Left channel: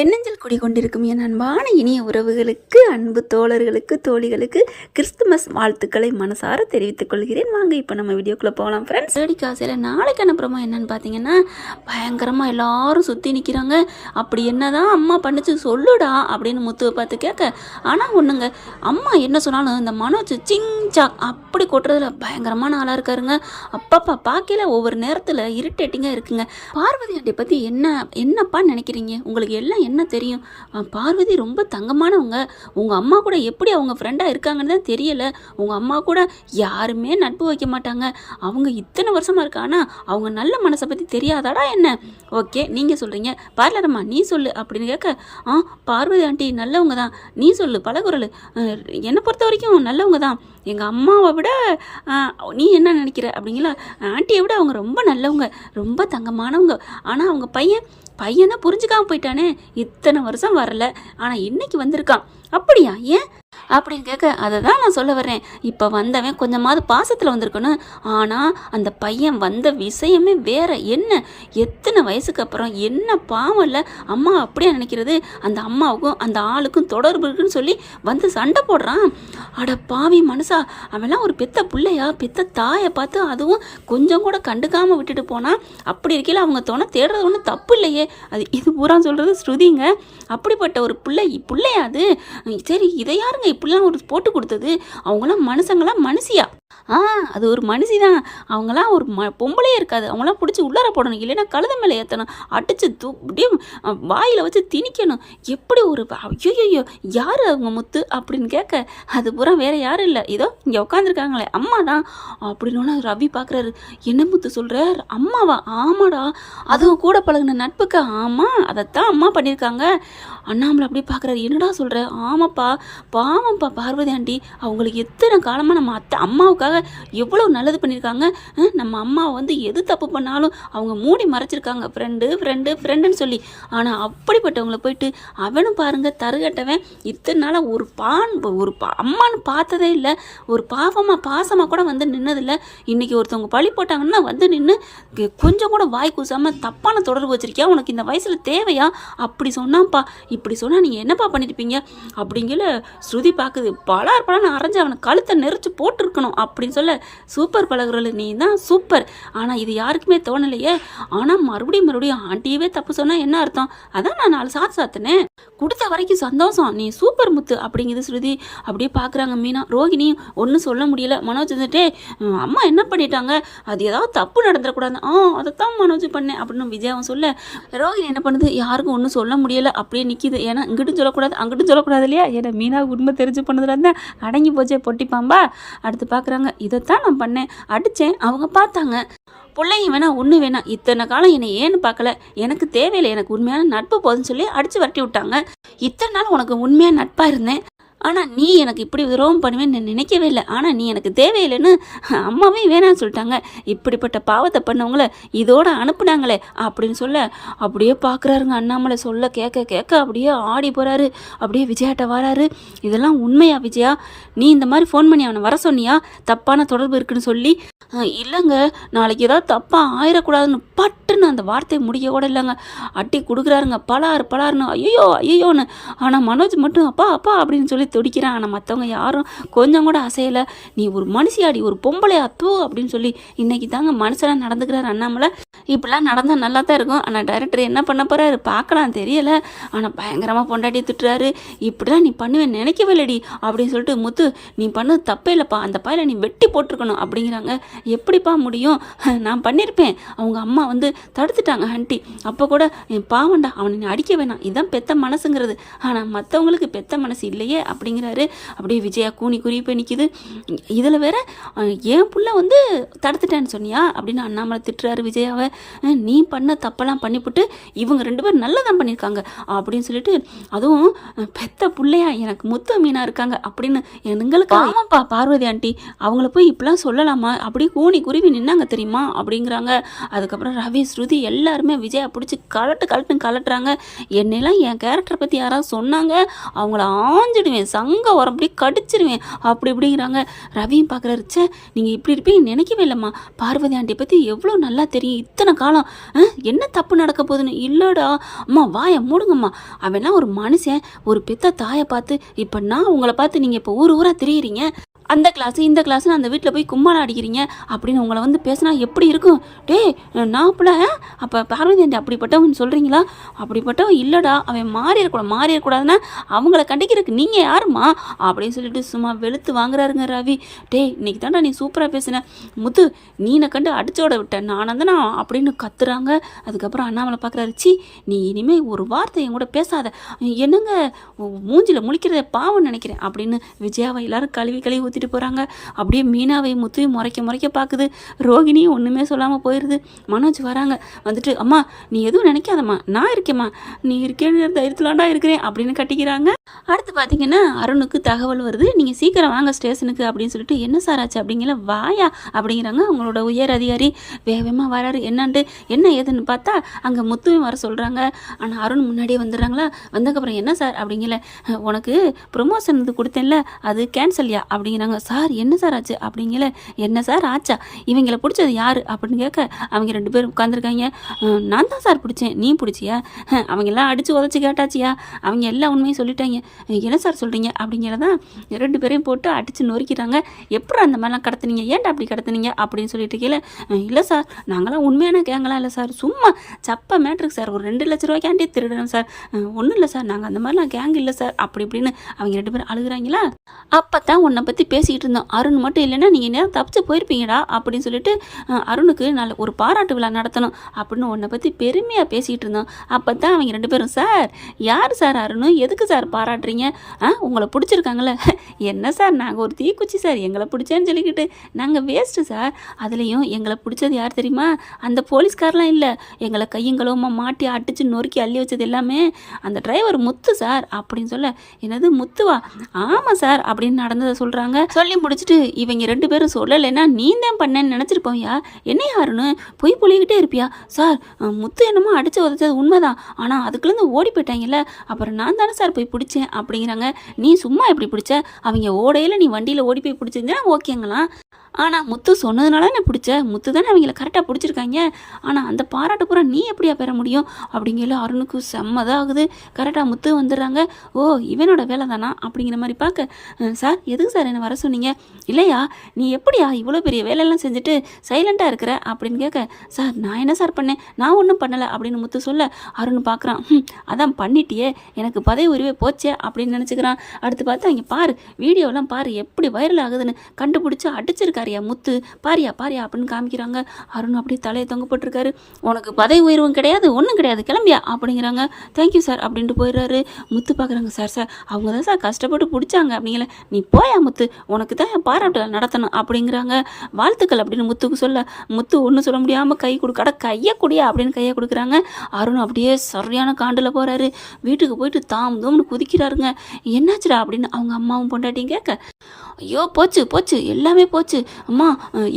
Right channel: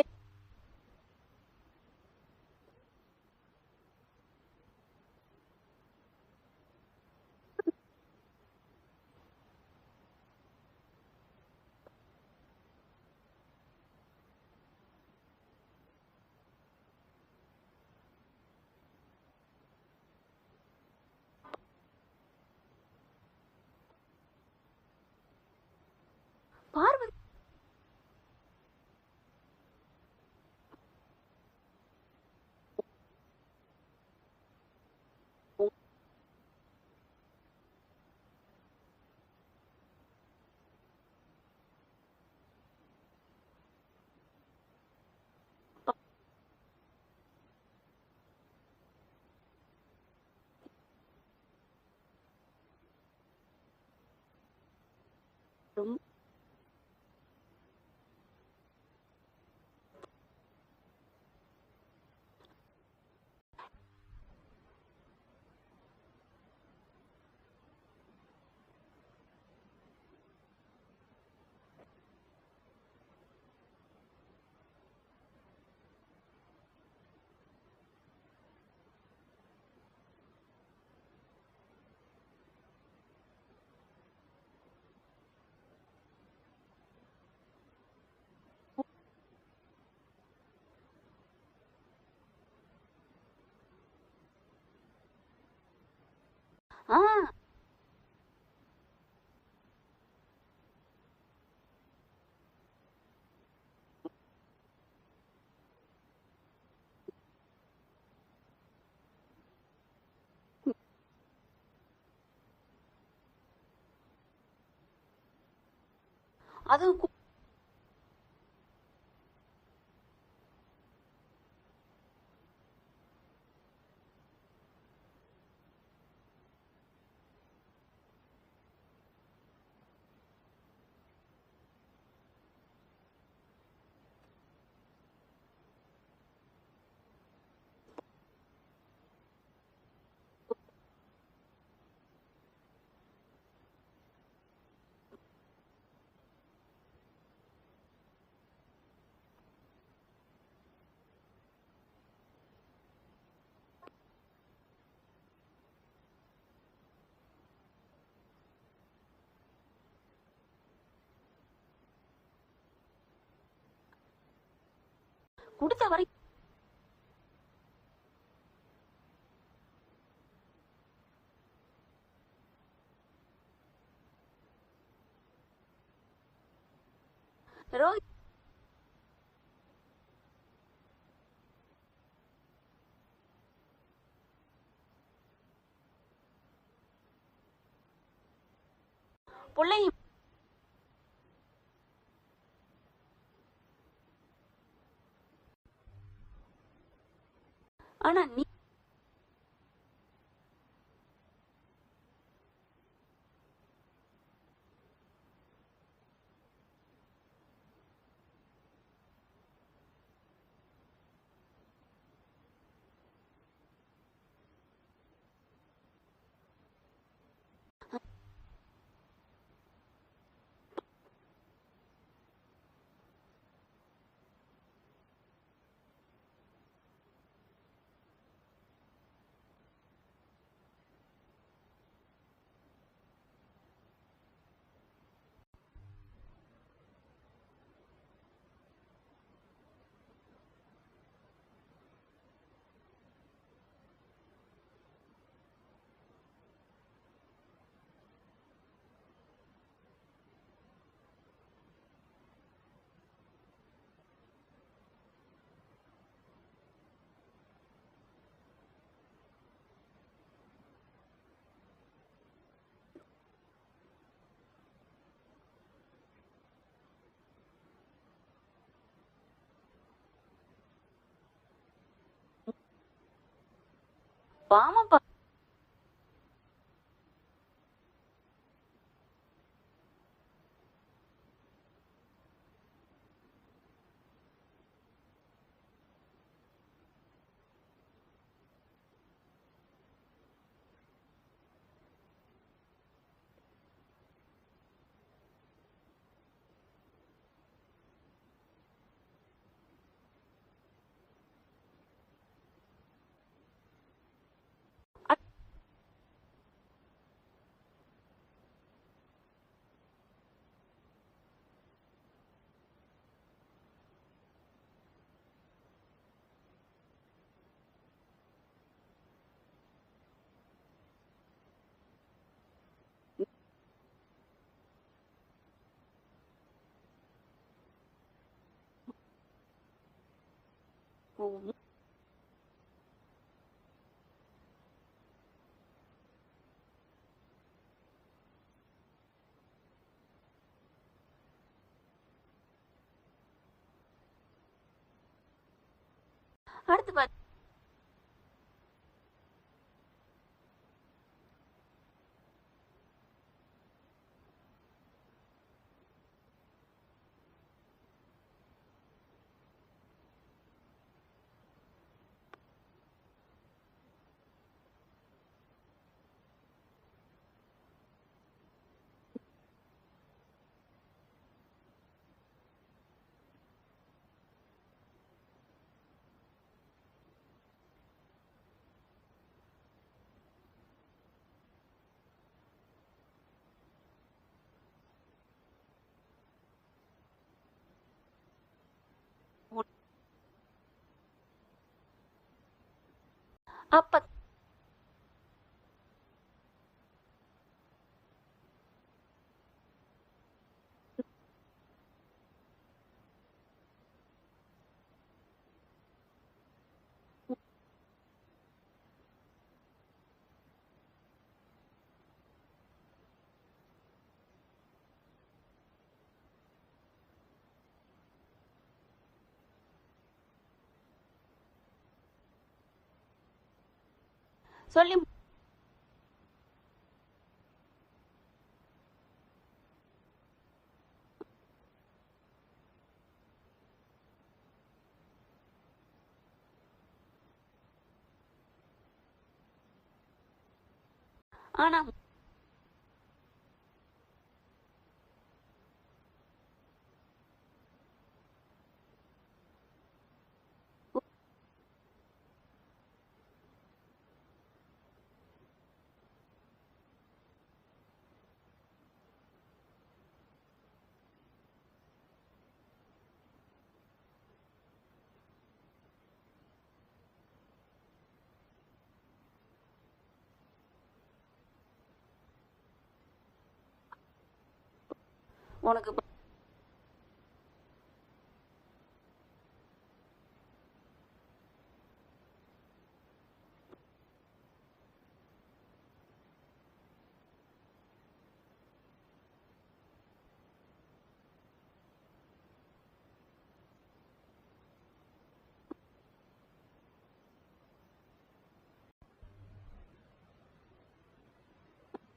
எண்ணெஞ்சல் குடிகொண்டிருக்கும் என் அன்பான இனிய உறவுகளுக்கு அன்பு தோழர்களுக்கு தோழிகளுக்கு கிறிஸ்துமஸ் வாழ்த்துக்களை மனசார தெரிவித்துக் கொள்கிறேன். வாங்க இப்போ நம்ம வீடியோக்குள்ளே போகலாம் ஃப்ரெண்ட்ஸ் தேடி காசையில் நாளைக்கு அனுப்புறமா என்னன்னு பார்த்தீங்கன்னா பயங்கரமாக எல்லாரும் சுற்றி நிற்கிறாங்க அப்படி என்னதான் அம்மா பண்ணிச்சு சொல்லுடா அப்படின்னு முத்துவை பார்த்து கேட்க ஆனால் ஒன்றுங்க அம்மா என்ன சொன்னாலும் இந்த மனோஜ் சிங் சாக் அப்படி கொட்டுறதுல பயங்கரமான ஆளாக இருக்காருங்க. அப்பப்பா பார்க்கல ஒவ்வொரு நேரத்தில் இரிட்டேட்டிங்காக இருக்குங்க. பார்வதி ஆண்டி பற்றி என்ன என்னப்பா நினைக்கிறீங்க? உங்களுக்கு எல்லாம் என்ன தெரியும்? பார்வதி ரொம்ப தங்கமானவங்க. உங்கள் அம்மா கூட எப்படி அவங்க ஃப்ரெண்டாக இருக்காங்கன்னு தான் தெரியலை. உங்கள் அம்மா கூட யாருமே நட்பு வைக்க மாட்டாங்க. அவங்க இத்தனை வருஷமாக இருக்கானா அவங்க நல்ல மனசை பற்றி தெரியாதாடா என்ன? ஓகே நீங்கள் சொல்கிறீங்க பார்லரம்மா நீ சொல்லு அப்படின்னு கேட்க ஆ பார்வதி ஆண்டி நல்லவங்க தான். நீ சொல்லு பலகுரல் என்னை பொறுத்த வரைக்கும் நல்லவங்க தான். எங்கள் அம்மாவை விட நீ என்ன நினைக்கிற அப்படிங்களா? ஆண்டியை விட அவங்க ரொம்ப நல்லவங்க ரொம்ப தங்கமானவங்க. ஆனால் அவங்க பையன் பையன் தான் புரிஞ்சுக்காம போயிட்டானே. இத்தனை வருஷம் வரல. ஆனால் இன்னைக்கு வந்திருக்கான். அப்படியா? ஏன்? அப்படின்னு கேட்க அதை தான் நான் சொல்ல வர்றேன். இப்போ வந்தவன் கொஞ்சமாவது பாசத்தில் வந்திருக்கணும். ஆனால் அந்த பையன் வந்த விஷயமே வேற என்ன? எத்தனை வயசுக்கு அப்புறம் என்ன பாவம் இல்லை அம்மா அப்படியே நினைக்கிறது? அந்த அம்மாவுக்கும் அந்த ஆளுக்கும் தொடர்பு இருக்குன்னு சொல்லி வந்து சண்டை போடுறான். அட பாவி மனுஷா அவன்லாம் ஒரு பெத்த பிள்ளையா பெத்த தாயை பார்த்து அதுவும் கொஞ்சம் கூட கண்டுக்காமல் விட்டுட்டு போனால் அப்படி இருக்கையில் அவங்க தோணை தேடுறது ஒன்றும் தப்பு இல்லையே. அது இது பூரா சொல்கிறது ஸ்ருதிங்க. அப்படிப்பட்ட ஒரு பிள்ளை பிள்ளையா அது. சரி இதை யாருங்க இப்படிலாம் ஒரு போட்டு கொடுத்தது அவங்களாம் மனுஷங்களாம் மனுஷியா? ஆ அது ஒரு மனுஷி தான் அவங்களாம் ஒரு ம பொம்பளையே இருக்காது. அவங்களாம் பிடிச்சி உள்ளார போடணும். இல்லைன்னா கழுத மேலே ஏற்றணும் அடித்து தூ அப்படியே வாயில் வச்சு திணிக்கணும். எப்படி ஒரு ஐயோயோ யார் அவங்க முத்து அப்படின்னு கேட்க அது பூரா வேற யாரும் இல்லை. இதோ இங்கே உட்காந்துருக்காங்களே அம்மா தான் அப்படின்னு ரவி பார்க்குறாரு என்ன முத்து சொல்கிறார் அம்மாவா? ஆமாடா. அதுவும் கூட பழகுன நட்புக்கு ஆமாம் அதைத்தான் அம்மா பண்ணியிருக்காங்க அண்ணாமலை அப்படியே பார்க்குறாரு என்னடா சொல்கிற ஆமாப்பா. பாவம்ப்பா பார்வதி ஆண்டி. அவங்களுக்கு எத்தனை காலமாக நம்ம அத்தை அம்மாவுக்கு அம்மாவுக்காக எவ்வளோ நல்லது பண்ணியிருக்காங்க. நம்ம அம்மா வந்து எது தப்பு பண்ணாலும் அவங்க மூடி மறைச்சிருக்காங்க. ஃப்ரெண்டு ஃப்ரெண்டு ஃப்ரெண்டுன்னு சொல்லி. ஆனால் அப்படிப்பட்டவங்கள போயிட்டு அவனும் பாருங்க தருகட்டவன் இத்தனை நாளாக ஒரு பான் ஒரு பா அம்மான்னு பார்த்ததே இல்லை. ஒரு பாவமாக பாசமாக கூட வந்து நின்னதில்லை. இன்னைக்கு ஒருத்தவங்க பழி போட்டாங்கன்னா வந்து நின்று கொஞ்சம் கூட வாய் கூசாமல் தப்பான தொடர்பு வச்சிருக்கியா? உனக்கு இந்த வயசில் தேவையா? அப்படி சொன்னான்ப்பா. இப்படி சொன்னால் நீங்கள் என்னப்பா பண்ணியிருப்பீங்க அப்படிங்கிற ஸ்ருதி பார்க்குது பலார் பலான்னு அரைஞ்சு அவனை கழுத்தை நெரிச்சு போட்டிருக்கணும். அப்படின்னு சொல்ல சூப்பர் பழகுறல நீ தான் சூப்பர். ஆனால் இது யாருக்குமே தோணலையே. ஆனால் மறுபடியும் மறுபடியும் ஆண்டியவே தப்பு சொன்னால் என்ன அர்த்தம்? அதான் நான் நாலு சாத்து சாத்தினேன். கொடுத்த வரைக்கும் சந்தோஷம். நீ சூப்பர் முத்து அப்படிங்குது ஸ்ருதி. அப்படியே பார்க்குறாங்க மீனா. ரோகிணி ஒன்றும் சொல்ல முடியல. மனோஜ் வந்துட்டே அம்மா என்ன பண்ணிட்டாங்க? அது ஏதாவது தப்பு நடந்துடக்கூடாது. ஆ அதைத்தான் மனோஜ் பண்ணேன். அப்படின்னு விஜயாவும் சொல்ல ரோகிணி என்ன பண்ணுது? யாருக்கும் ஒன்றும் சொல்ல முடியல. அப்படியே நிற்கிது ஏன்னா இங்கிட்டும் சொல்லக்கூடாது அங்கிட்டும் சொல்லக்கூடாது இல்லையா? ஏன்னா மீனா உண்மை தெரிஞ்சு பண்ணதுலேருந்து அடங்கி போச்சே பொட்டிப்பாம்பா அடுத்து பார்க்குறாங்க இதைத்தான் நான் பண்ணேன். அடித்தேன் அவங்க பார்த்தாங்க. பிள்ளைங்க வேணா ஒன்று வேணாம் இத்தனை காலம் என்னை ஏன்னு பார்க்கல. எனக்கு தேவையில்லை. எனக்கு உண்மையான நட்பு போதுன்னு சொல்லி அடித்து வரட்டி விட்டாங்க. இத்தனை நாள் உனக்கு உண்மையான நட்பாக இருந்தேன். ஆனால் நீ எனக்கு இப்படி துரோகம் பண்ணுவேன்னு நான் நினைக்கவே இல்லை. ஆனால் நீ எனக்கு தேவையில்லைன்னு அம்மாவே வேணாம்னு சொல்லிட்டாங்க. இப்படிப்பட்ட பாவத்தை பண்ணவங்கள இதோட அனுப்புனாங்களே அப்படின்னு சொல்ல அப்படியே பார்க்குறாருங்க அண்ணாமலை. சொல்ல கேட்க கேட்க அப்படியே ஆடி போகிறாரு அப்படியே விஜயாட்ட வராரு. இதெல்லாம் உண்மையா விஜயா? நீ இந்த மாதிரி ஃபோன் பண்ணி அவனை வர சொன்னியா? தப்பான தொடர்பு இருக்குன்னு சொல்லி இல்லைங்க. நாளைக்கு ஏதாவது தப்பாக ஆயிடக்கூடாதுன்னு பட்டுன்னு அந்த வார்த்தையை முடிக்க கூட இல்லைங்க. அட்டி கொடுக்குறாருங்க. பலாறு பலாருன்னு ஐயோ ஐயோன்னு ஆனால் மனோஜ் மட்டும் அப்பா அப்பா அப்படின்னு சொல்லி துடிக்கிறான். ஆனால் மற்றவங்க யாரும் கொஞ்சம் கூட அசையலை. நீ ஒரு மனுஷியாடி ஒரு பொம்பளை அத்தோ அப்படின்னு சொல்லி இன்னைக்கு தாங்க மனுஷனாக நடந்துக்கிறாரு அண்ணாமலை. இப்படிலாம் நடந்தால் நல்லா தான் இருக்கும். ஆனால் டைரக்டர் என்ன பண்ண போகிறாரு பார்க்கலாம் தெரியலை. ஆனால் பயங்கரமாக பொண்டாட்டி திட்டுறாரு. இப்படிலாம் நீ பண்ணுவேன் நினைக்கவே இல்லடி அப்படின்னு சொல்லிட்டு முத்து நீ பண்ணது தப்பே இல்லைப்பா. அந்த பாயில் நீ வெட்டி போட்டிருக்கணும் அப்படிங்கிறாங்க. எப்படிப்பா முடியும்? நான் பண்ணியிருப்பேன் அவங்க அம்மா வந்து தடுத்துட்டாங்க ஹண்டி அப்போ கூட என் பாவண்டா அவனை நீ அடிக்க வேணாம். இதுதான் பெத்த மனசுங்கிறது. ஆனால் மற்றவங்களுக்கு பெத்த மனசு இல்லையே அப்படிங்கிறாரு. அப்படியே விஜயா கூனி குறி போய் நிற்கிது இதில் வேற என் புள்ள வந்து தடுத்துட்டேன்னு சொன்னியா? அப்படின்னு அண்ணாமலை திட்டுறாரு விஜயாவை. நீ பண்ண தப்பெல்லாம் பண்ணிவிட்டு இவங்க ரெண்டு பேரும் நல்லதான் பண்ணியிருக்காங்க அப்படின்னு சொல்லிட்டு அதுவும் பெத்த பிள்ளையா எனக்கு முத்து மீனா இருக்காங்க அப்படின்னு எங்களுக்கு ஆமாப்பா பார்வதி ஆண்டி. அவங்கள போய் இப்படிலாம் சொல்லலாமா? அப்படியே கூணி குருவி நின்னாங்க தெரியுமா? அப்படிங்கிறாங்க. அதுக்கப்புறம் ரவி ஸ்ருதி எல்லாருமே விஜயா பிடிச்சி கலட்டு கலட்டுன்னு கலட்டுறாங்க. என்னெல்லாம் என் கேரக்டரை பற்றி யாராவது சொன்னாங்க? அவங்கள ஆஞ்சிடுவேன் சங்க உரம் அப்படியே கடிச்சிடுவேன் அப்படி இப்படிங்கிறாங்க. ரவியும் பார்க்குறாரு ச்சே நீங்கள் இப்படி இருப்பீங்க நினைக்கவே இல்லைம்மா. பார்வதி ஆண்டியை பற்றி எவ்வளோ நல்லா தெரியும். இத்தனை இத்தனை காலம் என்ன தப்பு நடக்க போகுதுன்னு? இல்லைடா அம்மா வாயை மூடுங்கம்மா. அவன்னா ஒரு மனுஷன் ஒரு பெத்த தாயை பார்த்து இப்போ நான் உங்களை பார்த்து நீங்கள் இப்போ ஊர் ஊராக திரியிறீங்க. அந்த கிளாஸ் இந்த கிளாஸ்னு அந்த வீட்டில் போய் கும்மாளம் அடிக்கிறீங்க அப்படின்னு உங்களை வந்து பேசினா எப்படி இருக்கும்? டே நான் அப்பல அப்போ பார்வதி ஆண்டி அப்படிப்பட்டவன் சொல்கிறீங்களா அப்படிப்பட்டவன் இல்லைடா அவன் மாறிடக்கூடாது மாறிடக்கூடாதுன்னா அவங்கள கண்டிக்கிறதுக்கு நீங்கள் யாரும்மா? அப்படின்னு சொல்லிட்டு சும்மா வெளுத்து வாங்குறாருங்க ரவி. டேய் இன்னைக்கு தான்டா நீ சூப்பராக பேசின. முத்து நீனை கண்டு அடிச்சோட விட்டேன் நானும் தானே அப்படின்னு கத்துறாங்க. அதுக்கப்புறம் அண்ணாமலை பார்க்குறாரு சி நீ இனிமேல் ஒரு வார்த்தை என் கூட பேசாத. என்னங்க மூஞ்சில முழிக்கிறத பாவம் நினைக்கிறேன் அப்படின்னு விஜயாவை எல்லாரும் கழுவி கழுவி ஊற்றிட்டு போகிறாங்க அப்படியே மீனாவை முத்துவையும் முறைக்க முறைக்க பார்க்குது ரோகிணியும் ஒன்றுமே சொல்லாமல் போயிடுது மனோஜ் வராங்க. வந்துட்டு அம்மா நீ எதுவும் நினைக்காதம்மா. நான் இருக்கேம்மா. நீ இருக்கேன்னு தைரியத்திலாண்டா இருக்கிறேன். அப்படின்னு கட்டிக்கிறாங்க. அடுத்து பார்த்தீங்கன்னா அருணுக்கு தகவல் வருது. நீங்கள் சீக்கிரம் வாங்க ஸ்டேஷனுக்கு. அப்படின்னு சொல்லிட்டு என்ன சார் ஆச்சு? அப்படிங்கிற வாயா. அப்படிங்கிறாங்க அவங்களோட உயர் அதிகாரி. வேகமாக வராரு. என்னான்ட்டு என்ன ஏதுன்னு பார்த்தா அங்கே முத்துவையும் வர சொல்கிறாங்க ஆனால் அருண் முன்னாடியே வந்துடுறாங்களா? வந்ததுக்கப்புறம் என்ன சார்? அப்படிங்கல உனக்கு ப்ரொமோஷன் இது கொடுத்தேன்ல. அது கேன்சல்யா அப்படிங்கிறாங்க சார் என்ன சார் ஆச்சு? அப்படிங்கல. என்ன சார் ஆச்சா? இவங்களை பிடிச்சது யார்? அப்படின்னு கேட்க அவங்க ரெண்டு பேரும் உட்காந்துருக்காங்க நான் தான் சார் பிடிச்சேன். நீ பிடிச்சியா? அஹ், அவங்க எல்லாம் அடித்து உதச்சி கேட்டாச்சியா? அவங்க எல்லா உண்மையும் சொல்லிட்டாங்க. என்ன சார் சொல்கிறீங்க அப்படிங்கிறதான் ரெண்டு பேரையும் போட்டு அடித்து நொறுக்கிறாங்க எப்படி அந்த மாதிரிலாம் கடத்துனீங்க? ஏன்டா அப்படி கடத்துனீங்க? அப்படின்னு சொல்லிட்டு கீழே இல்லை சார். நாங்களாம் உண்மையான கேங்கலாம் இல்லை சார். சும்மா சப்ப மேட்ருக்கு சார். ஒரு ரெண்டு லட்ச ரூபாய்க்காண்டி திருடுறோம் சார். ஒன்றும் இல்லை சார். நாங்கள் அந்த மாதிரிலாம் கேங் இல்லை சார். அப்படி இப்படின்னு அவங்க ரெண்டு பேரும் அழுகுறாங்களா? அப்போ தான் உன்னை பற்றி பேசிக்கிட்டு இருந்தோம் அருண் மட்டும் இல்லைன்னா நீங்கள் நேரம் தப்பிச்சு போயிருப்பீங்கடா அப்படின்னு சொல்லிட்டு அருணுக்கு நல்ல ஒரு பாராட்டு விழா நடத்தணும் அப்படின்னு உன்னை பற்றி பெருமையாக பேசிகிட்டு இருந்தோம் அப்போ தான் அவங்க ரெண்டு பேரும் சார் யார் சார் அருண்? எதுக்கு சார் பாராட்டுறீங்க? ஆ உங்களை பிடிச்சிருக்காங்களே என்ன சார்? நாங்கள் ஒரு தீக்குச்சி சார். எங்களை பிடிச்சேன்னு சொல்லிக்கிட்டு நாங்கள் வேஸ்ட்டு சார். அதுலேயும் எங்களை பிடிச்சது யார் தெரியுமா? அந்த போலீஸ்காரெலாம் இல்லை. எங்களை கையும் மாட்டி அடித்து நொறுக்கி அள்ளி வச்சது எல்லாமே அந்த டிரைவர் முத்து சார் அப்படின்னு சொல்ல என்னது முத்துவா? ஆமாம் சார் அப்படின்னு நடந்ததை சொல்கிறாங்க சொல்லி முடிச்சுட்டு இவங்க ரெண்டு பேரும் சொல்லலைன்னா நீ தான் பண்ணேன்னு நினச்சிருப்போம்யா. என்ன யாருன்னு பொய் பொழிக்கிட்டே இருப்பியா? சார் முத்து என்னமோ அடிச்சு உதச்சது உண்மைதான். ஆனால் அதுக்குள்ளேருந்து ஓடி போயிட்டாங்கல்ல. அப்புறம் நான் தானே சார் போய் பிடிச்சேன் அப்படிங்கிறாங்க. நீ சும்மா எப்படி பிடிச்ச? அவங்க ஓடையில் நீ வண்டியில் ஓடி போய் பிடிச்சிருந்தா ஓகேங்களாம். ஆனால் முத்து சொன்னதுனால நான் பிடிச்ச? முத்து தானே அவங்கள கரெக்டாக பிடிச்சிருக்காங்க. ஆனால் அந்த பாராட்டு பூரா நீ எப்படியா பெற முடியும்? அப்படிங்கிற அருணுக்கு செம்மதாகுது ஆகுது. கரெக்டாக முத்து வந்துடுறாங்க. ஓ இவனோட வேலை தானா? அப்படிங்கிற மாதிரி பார்க்க சார் எதுக்கு சார் என்னை வர சொன்னீங்க? இல்லையா நீ எப்படியா இவ்வளோ பெரிய வேலையெல்லாம் செஞ்சுட்டு சைலண்ட்டாக இருக்கிற? அப்படின்னு கேட்க சார் நான் என்ன சார் பண்ணேன்? நான் ஒன்றும் பண்ணலை. அப்படின்னு முத்து சொல்ல அருண் பார்க்குறான் அதான் பண்ணிட்டியே. எனக்கு பதவி உரிமை போச்சே அப்படின்னு நினச்சிக்கிறான். அடுத்து பார்த்தா இங்கே பாரு வீடியோலாம் பாரு எப்படி வைரல் ஆகுதுன்னு கண்டுபிடிச்சி அடிச்சிருக்காருயா முத்து பாரியா பாரியா அப்படின்னு காமிக்கிறாங்க. அருண் அப்படியே தலையை தொங்க போட்டிருக்காரு. உனக்கு பதவி உயர்வும் கிடையாது ஒன்றும் கிடையாது கிளம்பியா அப்படிங்கிறாங்க. தேங்க்யூ சார் அப்படின்ட்டு போயிடுறாரு. முத்து பார்க்குறாங்க சார் சார் அவங்க தான் சார் கஷ்டப்பட்டு பிடிச்சாங்க அப்படிங்கல. நீ போயா முத்து உனக்கு தான் பாராட்டு நடத்தணும் அப்படிங்கிறாங்க. வாழ்த்துக்கள் அப்படின்னு முத்துக்கு சொல்ல. முத்து ஒன்றும் சொல்ல முடியாமல் கை கொடுக்கட கையை குடியா அப்படின்னு கையை கொடுக்குறாங்க. அருண் அப்படியே சரியான காண்டில் போகிறாரு வீட்டுக்கு போயிட்டு தாம் தோம்னு குதிக்கிறாருங்க. என்னாச்சுடா? அப்படின்னு அவங்க அம்மாவும் பொண்டாட்டியும் கேட்க. ஐயோ போச்சு போச்சு எல்லாமே போச்சு. அம்மா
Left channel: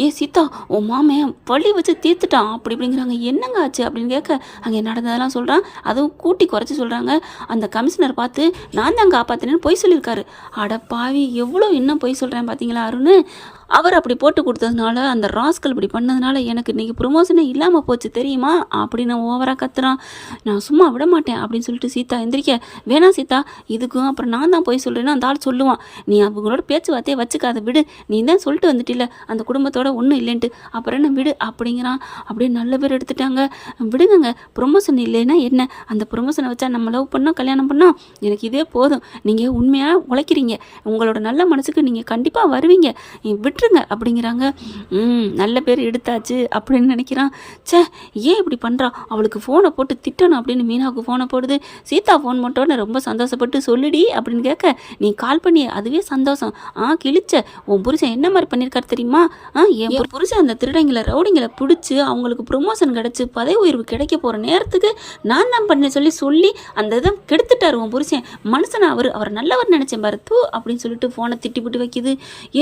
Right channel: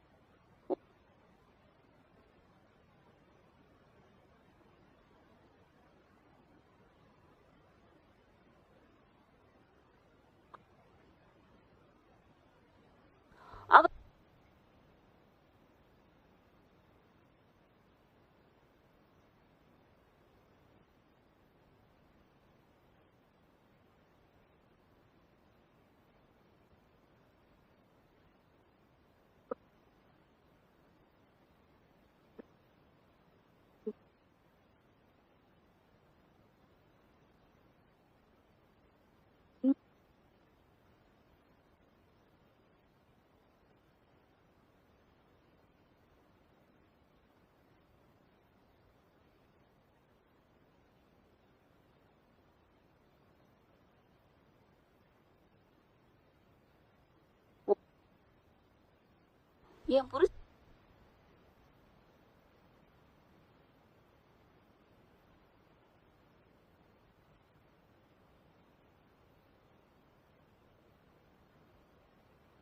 ஏ சீதா உன் மாமே பள்ளி வச்சு தீர்த்துட்டான். அப்படி இப்படிங்கிறாங்க. என்னங்க ஆச்சு அப்படின்னு கேட்க அங்கே நடந்ததெல்லாம் சொல்கிறான் அதுவும் கூட்டி குறைச்சி சொல்கிறாங்க அந்த கமிஷனர் பார்த்து நான் தான் காப்பாற்றினேன்னு பொய் சொல்லியிருக்காரு. அட பாவி எவ்வளோ இன்னும் பொய் சொல்கிறேன் பார்த்தீங்களா அருண்? அவர் அப்படி போட்டு கொடுத்ததுனால அந்த ராஸ்கல் இப்படி பண்ணதுனால எனக்கு இன்றைக்கி ப்ரொமோஷனே இல்லாமல் போச்சு தெரியுமா? அப்படின்னு ஓவராக கத்துறான். நான் சும்மா விட மாட்டேன் அப்படின்னு சொல்லிட்டு சீதா எந்திரிக்க வேணாம் சீதா இதுக்கும் அப்புறம் நான் தான் போய் சொல்கிறேன்னு அந்த ஆள் சொல்லுவான். நீ அவங்களோட பேச்சுவார்த்தையை வச்சுக்காத விடு. நீ தான் சொல்லிட்டு வந்துட்டில்ல அந்த குடும்பத்தோட ஒன்றும் இல்லைன்ட்டு. அப்புறம் என்ன விடு அப்படிங்கிறான். அப்படியே நல்ல பேர் எடுத்துட்டாங்க. விடுங்கங்க ப்ரொமோஷன் இல்லைன்னா என்ன? அந்த ப்ரொமோஷனை வச்சா நம்ம லவ் பண்ணோம் கல்யாணம் பண்ணோம் எனக்கு இதே போதும். நீங்கள் உண்மையாக உழைக்கிறீங்க. உங்களோட நல்ல மனசுக்கு நீங்கள் கண்டிப்பாக வருவீங்க. விட் விட்டுருங்க அப்படிங்கிறாங்க. ம் நல்ல பேர் எடுத்தாச்சு அப்படின்னு நினைக்கிறான். ச்சே ஏன் இப்படி பண்ணுறா அவளுக்கு ஃபோனை போட்டு திட்டணும் அப்படின்னு மீனாவுக்கு ஃபோனை போடுது. சீதா ஃபோன் போட்டோன்னு ரொம்ப சந்தோஷப்பட்டு சொல்லுடி அப்படின்னு கேட்க நீ கால் பண்ணி அதுவே சந்தோஷம். ஆ கிழிச்ச. உன் புருஷன் என்ன மாதிரி பண்ணியிருக்காரு தெரியுமா? ஆ என் புருஷன் அந்த திருடங்களை ரவுடிங்களை பிடிச்சி அவங்களுக்கு ப்ரொமோஷன் கிடச்சி பதவி உயர்வு கிடைக்க போகிற நேரத்துக்கு நான் தான் பண்ண சொல்லி சொல்லி அந்த இதை கெடுத்துட்டார் உன் புருஷன். மனுஷன் அவர். அவர் நல்லவர் நினச்சேன் பாரு. தூ அப்படின்னு சொல்லிட்டு ஃபோனை திட்டி விட்டு வைக்குது.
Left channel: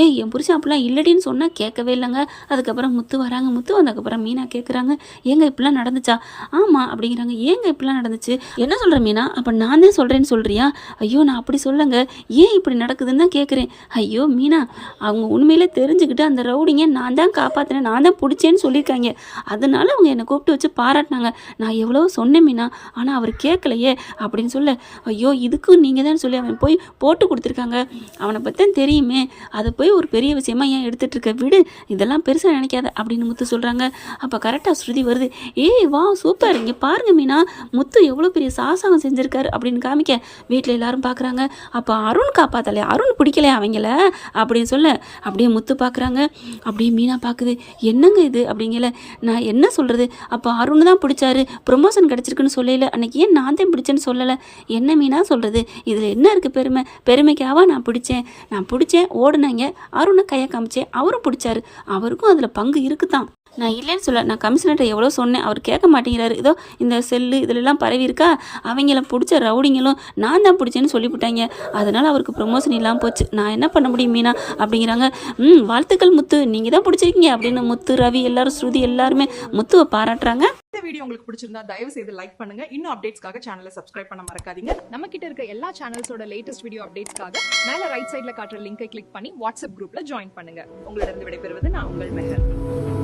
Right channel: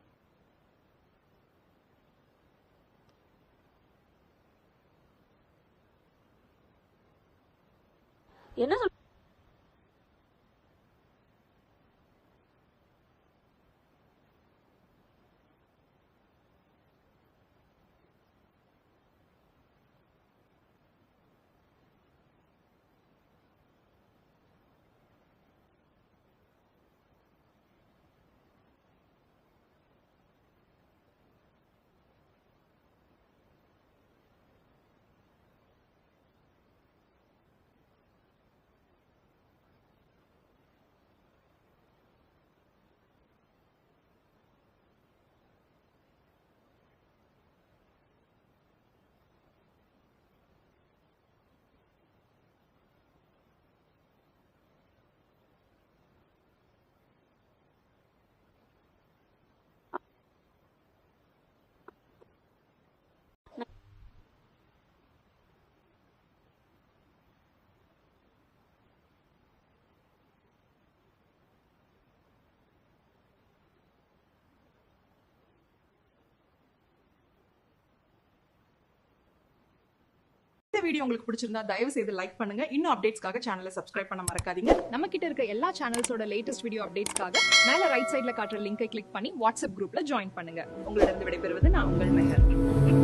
ஏன் என் புருஷன் அப்படிலாம் இல்லடின்னு சொன்னால் கேட்கவே இல்லைங்க. அதுக்கப்புறம் முத்து வராங்க. முத்து வந்ததுக்கப்புறம் மீனா கேட்குறாங்க ஏங்க இப்படிலாம் நடந்துச்சா? ஆமாம் அப்படிங்கிறாங்க. ஏங்க இப்படிலாம் நடந்துச்சு? என்ன சொல்கிற மீனா? அப்போ நான் தான் சொல்கிறேன்னு சொல்கிறியா ஐயோ நான் அப்படி சொல்லுங்க. ஏன் இப்படி நடக்குதுன்னு தான் கேட்குறேன் ஐயோ மீனா அவங்க உண்மையிலே தெரிஞ்சுக்கிட்டு அந்த ரவுடிங்க நான் தான் காப்பாற்றினேன் நான் தான் பிடிச்சேன்னு சொல்லியிருக்காங்க. அதனால அவங்க என்னை கூப்பிட்டு வச்சு பாராட்டினாங்க. நான் எவ்வளோ சொன்னேன் மீனா ஆனால் அவர் கேட்கலையே அப்படின்னு சொல்ல ஐயோ இதுக்கும் நீங்கள் தான் சொல்லி அவன் போய் போட்டு கொடுத்துருக்காங்க. அவனை பற்றி தான் தெரியுமே. அதை போய் ஒரு பெரிய விஷயமா ஏன் எடுத்துட்டு இருக்க? விடு. இதெல்லாம் பெருசாக நினைக்காத அப்படின்னு முத்து சொல்கிறாங்க அப்போ கரெக்டாக ஸ்ருதி வருது. ஏய் வா சூப்பர் இங்கே பாருங்க மீனா. முத்து எவ்வளோ பெரிய சாசகம் செஞ்சுருக்காரு அப்படின்னு காமிக்க. வீட்டில் எல்லாரும் பார்க்குறாங்க அப்போ அருண் காப்பாத்தலையா அருண் பிடிக்கலையா அவங்கள? அப்படின்னு சொல்ல. அப்படியே முத்து பார்க்குறாங்க அப்படியே மீனா பார்க்குது என்னங்க இது? அப்படிங்கல. நான் என்ன சொல்கிறது அப்போ அருண் தான் பிடிச்சாரு. ப்ரொமோஷன் கிடச்சிருக்குன்னு சொல்லல. அன்னைக்கு ஏன் நான் தான் பிடிச்சேன்னு சொல்லலை? என்ன மீனா சொல்கிறது இதில் என்ன இருக்குது பெருமை? பெருமைக்காவா நான் பிடிச்சேன். நான் பிடிச்சேன். ஓடுனாங்க. அருணை கையை காமிச்சேன். அவரும் பிடிச்சாரு. அவருக்கும் அதில் பங்கு இருக்குதான் நான் இல்லைன்னு சொல்ல நான் கமிஷனர்கிட்ட எவ்வளோ சொன்னேன் அவர் கேட்க மாட்டேங்கிறாரு. ஏதோ இந்த செல்லு இதிலெல்லாம் பரவி இருக்கா? அவங்கள பிடிச்ச ரவுடிங்களும் நான் தான் பிடிச்சேன்னு சொல்லிவிட்டாங்க. அதனால் அவருக்கு ப்ரொமோஷன் இல்லாமல் போச்சு. நான் என்ன பண்ண முடியும் மீனா? அப்படிங்கிறாங்க. ம் வாழ்த்துக்கள் முத்து. நீங்கள் தான் பிடிச்சிருக்கீங்க அப்படின்னு முத்து ரவி எல்லாரும் ஸ்ருதி எல்லாருமே முத்துவை பாராட்டுறாங்க. இந்த வீடியோ உங்களுக்கு பிடிச்சிருந்தா தயவு செய்து லைக் பண்ணுங்க. இன்னும் அப்டேட்ஸ்க்காக சேனலை சப்ஸ்கிரைப் பண்ண மறக்காதீங்க. நம்ம கிட்ட இருக்க எல்லா சேனல்ஸோட லேட்டஸ்ட் வீடியோ அப்டேட்ஸ்க்காக மேல ரைட் சைடில் காட்டுற லிங்கை கிளிக் பண்ணி வாட்ஸ்அப் குரூப்ல ஜாயின் பண்ணுங்க. உங்களிடம் விடைபெறுவது நான் உங்கள் மெஹர்.